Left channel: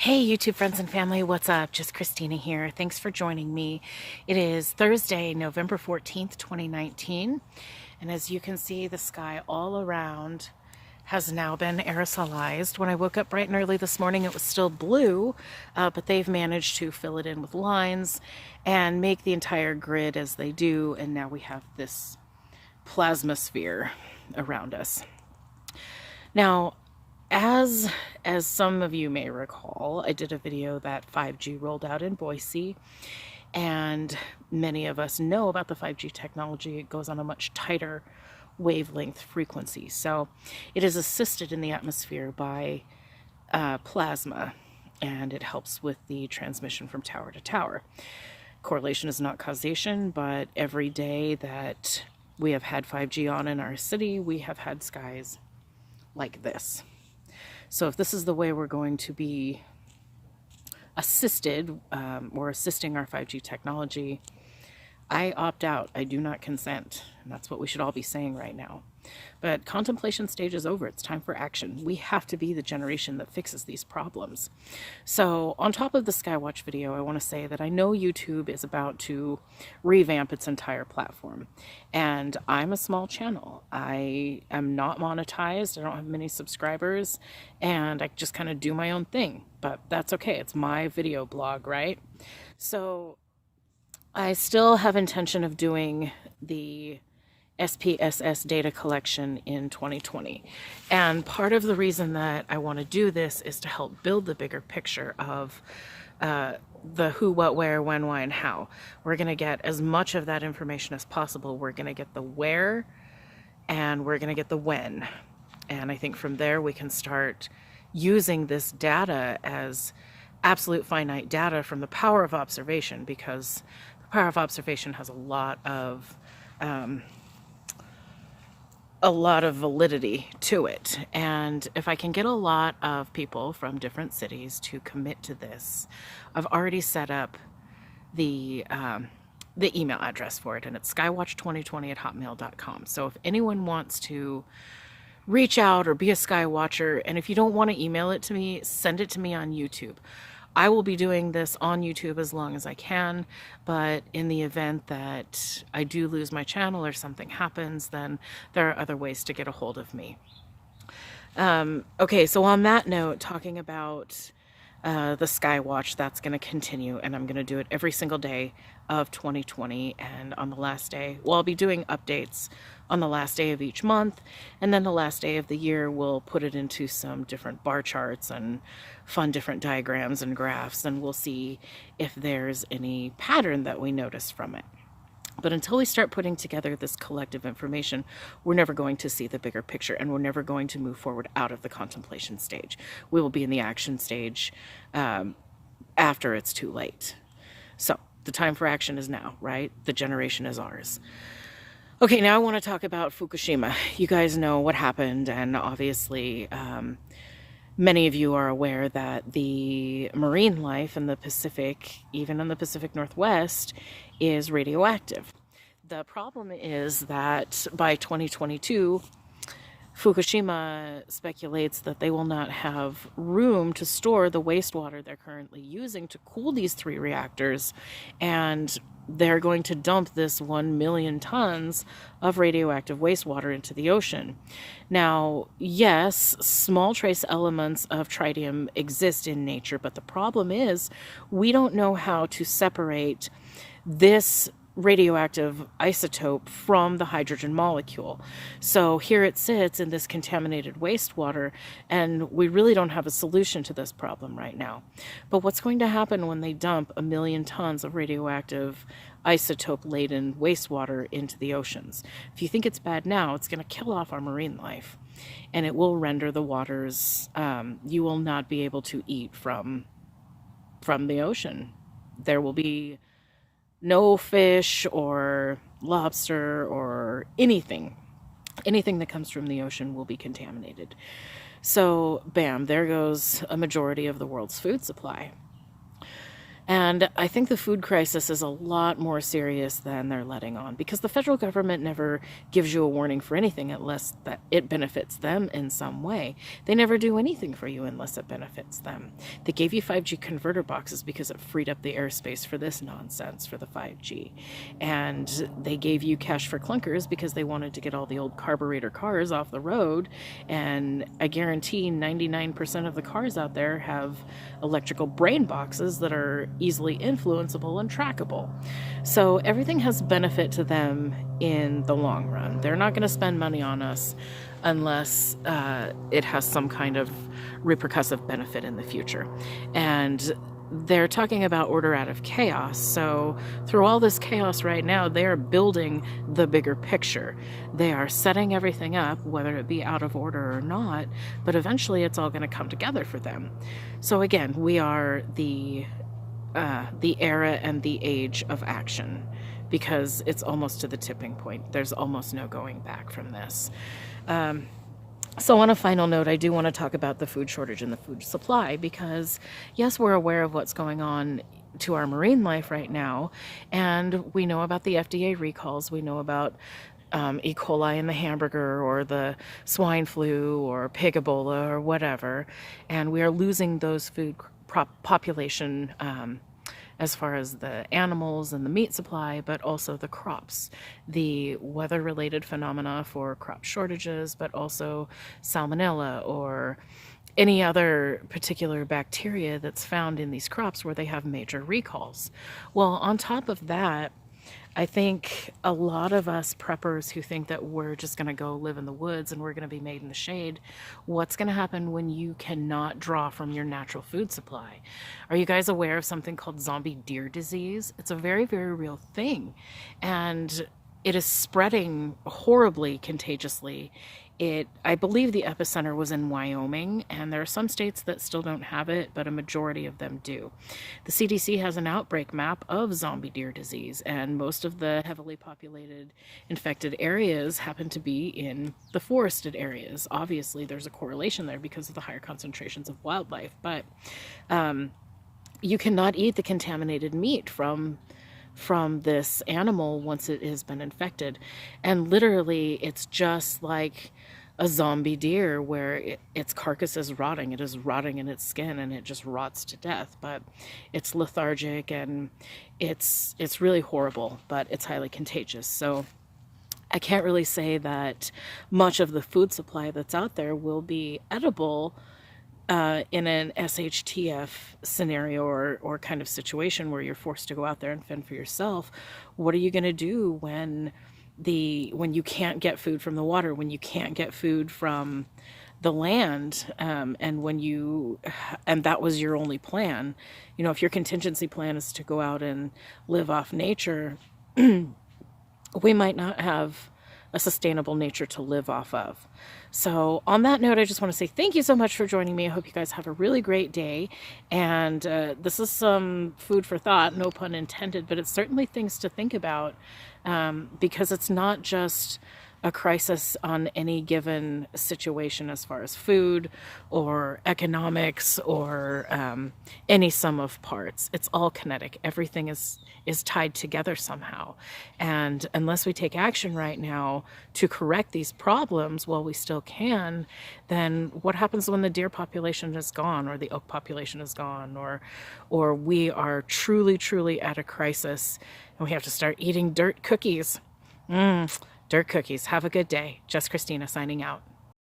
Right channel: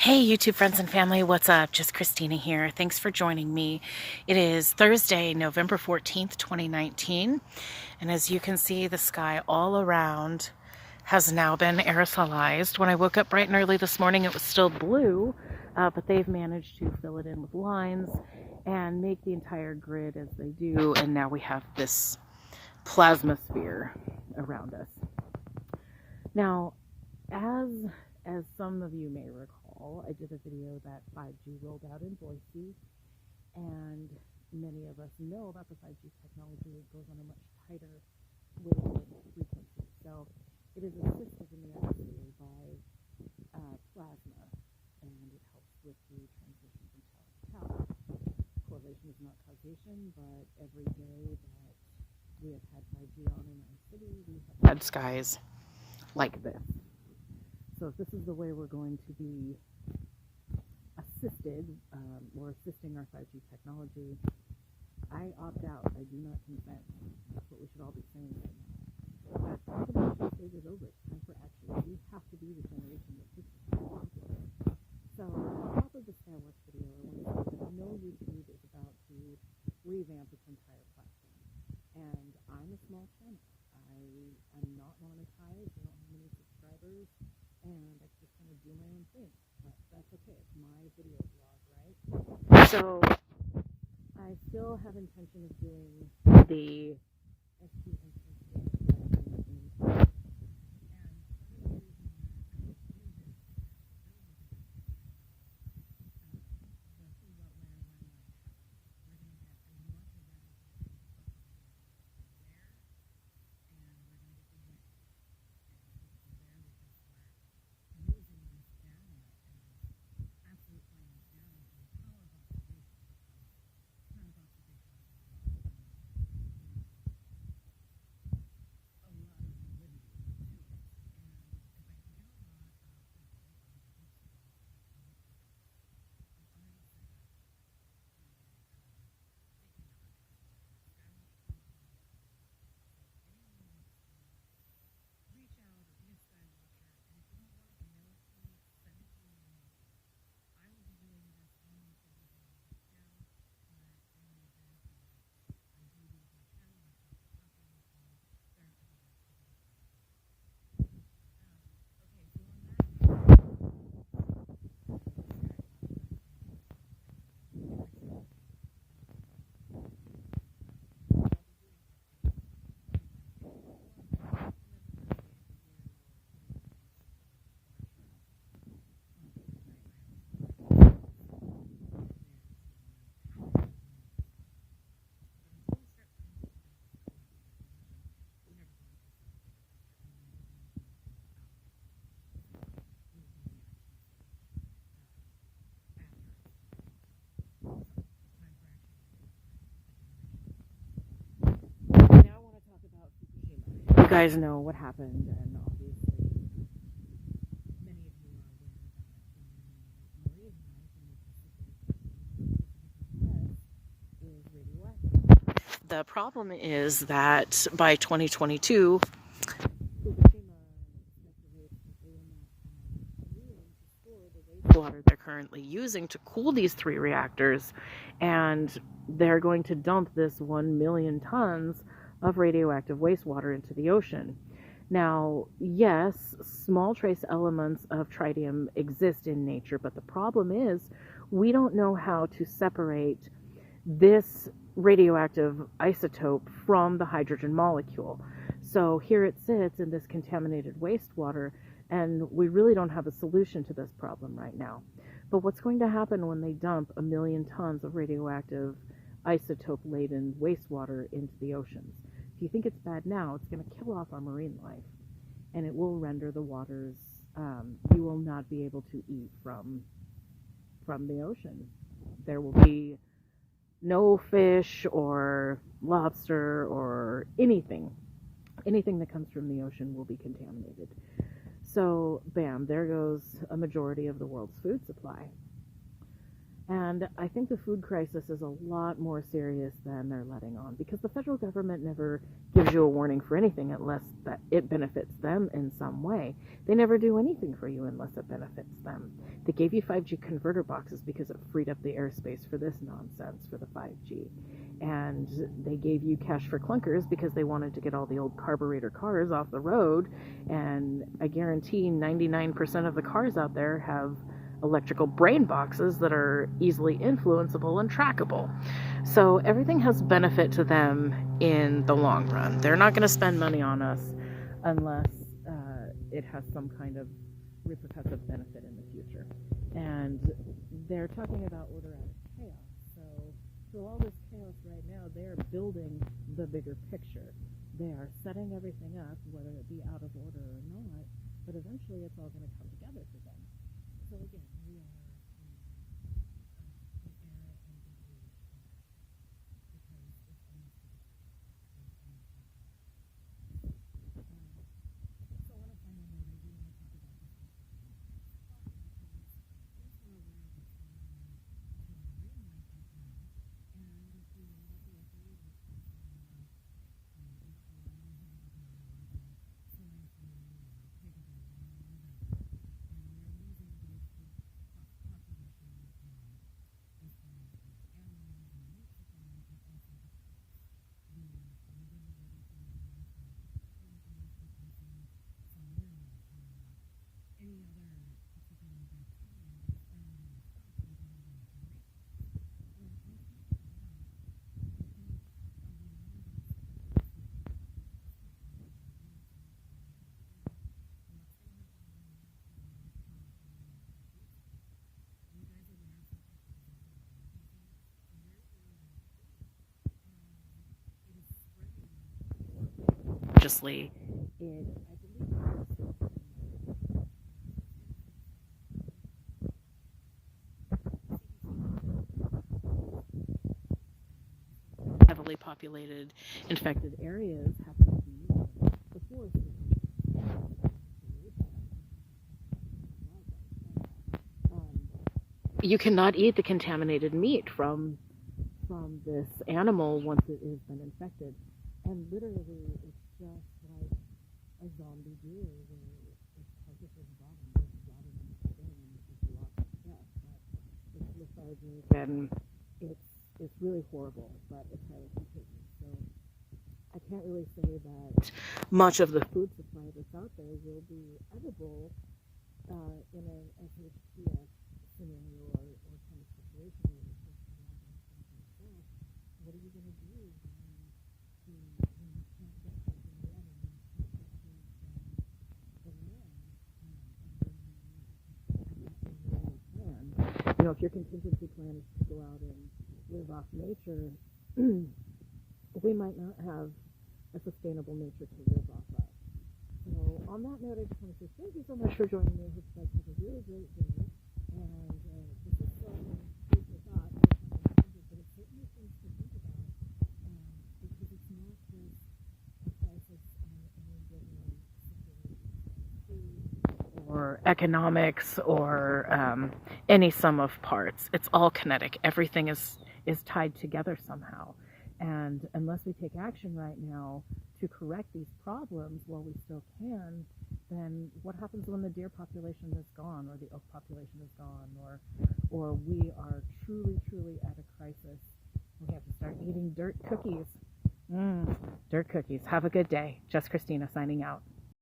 Hey YouTube friends and family, what's up? Just Christina here. Thanks for joining me. It is Thursday, November 14th, 2019. And as you can see, the sky all around has now been aerosolized. When I woke up bright and early this morning, it was still blue, but they've managed to fill it in with lines and make the entire grid as they do. And now we have this plasma sphere around us. Now, as some of you may recall, I did a video that 5G rolled out in Boise, and many of us know about the 5G technology. It goes on a much tighter wavelength frequency. So it is assisted in the atmosphere by plasma, and it helps with the transmission from tower to tower. Correlation is not causation, but every day that we have had 5G on in our city, we have had skies like this. So if this is the way we're going to be assisted or assisting our 5G technology, I opt out. I do not consent. And that's what we should all be saying right now. But contemplation stage is over. It's time for action. We have to be the generation that fixes these problems. So on top of the Skywatch video, I want to say that I know YouTube is about to revamp its entire platform. And I'm a small channel. I am not monetized. I don't have many subscribers. And I just kind of do my own thing. But that's okay. It's my video blog, right? So I still have intention of doing the SPSS data collection in 2020. And part of the reason that I want to do this is to help build the bigger picture of the who, what, where, when, why, and how. We're going to get as much of that information as possible. We're going to get the where and we're going to get the when. And I think from there we can start using this data as absolute finite data from the power of observation, because the power of observation has a lot of validity to it. And if I can get a lot of people from different cities to commit to this, I've already set up the email address for it, and it's skywatch2020@hotmail.com. So if anyone wants to reach out or be a Skywatcher, and if you don't want to email it to me, send it to me on YouTube. I will be doing this on YouTube as long as I can, but in the event that I do lose my channel or something happens, then there are other ways to get a hold of me. Okay, so on that note, talking about the Skywatch, that's going to continue, and I'm going to do it every single day of 2020, and on the last day, well, I'll be doing updates on the last day of each month, and then the last day of the year we'll put it into some different bar charts and fun different diagrams and graphs, and we'll see if there's any pattern that we notice from it. But until we start putting together this collective information, we're never going to see the bigger picture, and we're never going to move forward out of the contemplation stage. We will be in the action stage after it's too late. So the time for action is now, right? The generation is ours. Okay, now I want to talk about Fukushima. You guys know what happened, and obviously many of you are aware that the marine life in the Pacific, even in the Pacific Northwest, is radioactive. The problem is that by 2022, Fukushima speculates that they will not have room to store the wastewater they're currently using to cool these 3 reactors, and they're going to dump this 1 million tons of radioactive wastewater into the ocean. Now, yes, small trace elements of tritium exist in nature, but the problem is we don't know how to separate this radioactive isotope from the hydrogen molecule. So here it sits in this contaminated wastewater, and we really don't have a solution to this problem right now. But what's going to happen when they dump 1 million tons of radioactive isotope-laden wastewater into the oceans? If you think it's bad now, it's going to kill off our marine life, and it will render the waters, you will not be able to eat from the ocean. There will be no fish or lobster or anything that comes from the ocean will be contaminated. So bam, there goes a majority of the world's food supply. And I think the food crisis is a lot more serious than they're letting on, because the federal government never gives you a warning for anything unless that it benefits them in some way. They never do anything for you unless it benefits them. They gave you 5G converter boxes because it freed up the airspace for this nonsense for the 5G. And they gave you cash for clunkers because they wanted to get all the old carburetor cars off the road. And I guarantee 99% of the cars out there have electrical brain boxes that are easily influenceable and trackable. So everything has benefit to them in the long run. They're not going to spend money on us unless it has some kind of repercussive benefit in the future. And they're talking about order out of chaos. So through all this chaos right now, they are building the bigger picture. They are setting everything up, whether it be out of order or not, but eventually it's all going to come together for them. So again, we are the era and the age of action, because it's almost to the tipping point. There's almost no going back from this. So on a final note, I do want to talk about the food shortage and the food supply, because yes, we're aware of what's going on to our marine life right now, and we know about the FDA recalls. We know about E. coli in the hamburger, or the swine flu, or pig Ebola, or whatever, and we are losing those food population as far as the animals and the meat supply, but also the crops, the weather-related phenomena for crop shortages, but also salmonella or any other particular bacteria that's found in these crops where they have major recalls. Well, on top of that, I think a lot of us preppers who think that we're just going to go live in the woods and we're going to be made in the shade, what's going to happen when you cannot draw from your natural food supply? Are you guys aware of something called zombie deer disease? It's a very, very real thing, and it is spreading horribly contagiously. I believe the epicenter was in Wyoming, and there are some states that still don't have it, but a majority of them do. The CDC has an outbreak map of zombie deer disease, and most of the heavily populated infected areas happen to be in the forested areas. Obviously, there's a correlation there because of the higher concentrations of wildlife, but you cannot eat the contaminated meat from this animal once it has been infected. And literally, it's just like a zombie deer where its carcass is rotting. It is rotting in its skin, and it just rots to death. But it's lethargic, and it's really horrible, but it's highly contagious. So I can't really say that much of the food supply that's out there will be edible in an SHTF scenario or kind of situation where you're forced to go out there and fend for yourself. What are you going to do when you can't get food from the water, when you can't get food from the land, and that was your only plan? You know, if your contingency plan is to go out and live off nature, we might not have a sustainable nature to live off of. So on that note, I just want to say thank you so much for joining me. I hope you guys have a really great day. And this is some food for thought, no pun intended, but it's certainly things to think about, because it's not just a crisis on any given situation as far as food or economics or any sum of parts. It's all kinetic. Everything is tied together somehow. And unless we take action right now to correct these problems while we still can, then what happens when the deer population is gone, or the elk population is gone, or we are truly at a crisis and we have to start eating dirt cookies? Dirt cookies. Have a good day. Just Christina signing out.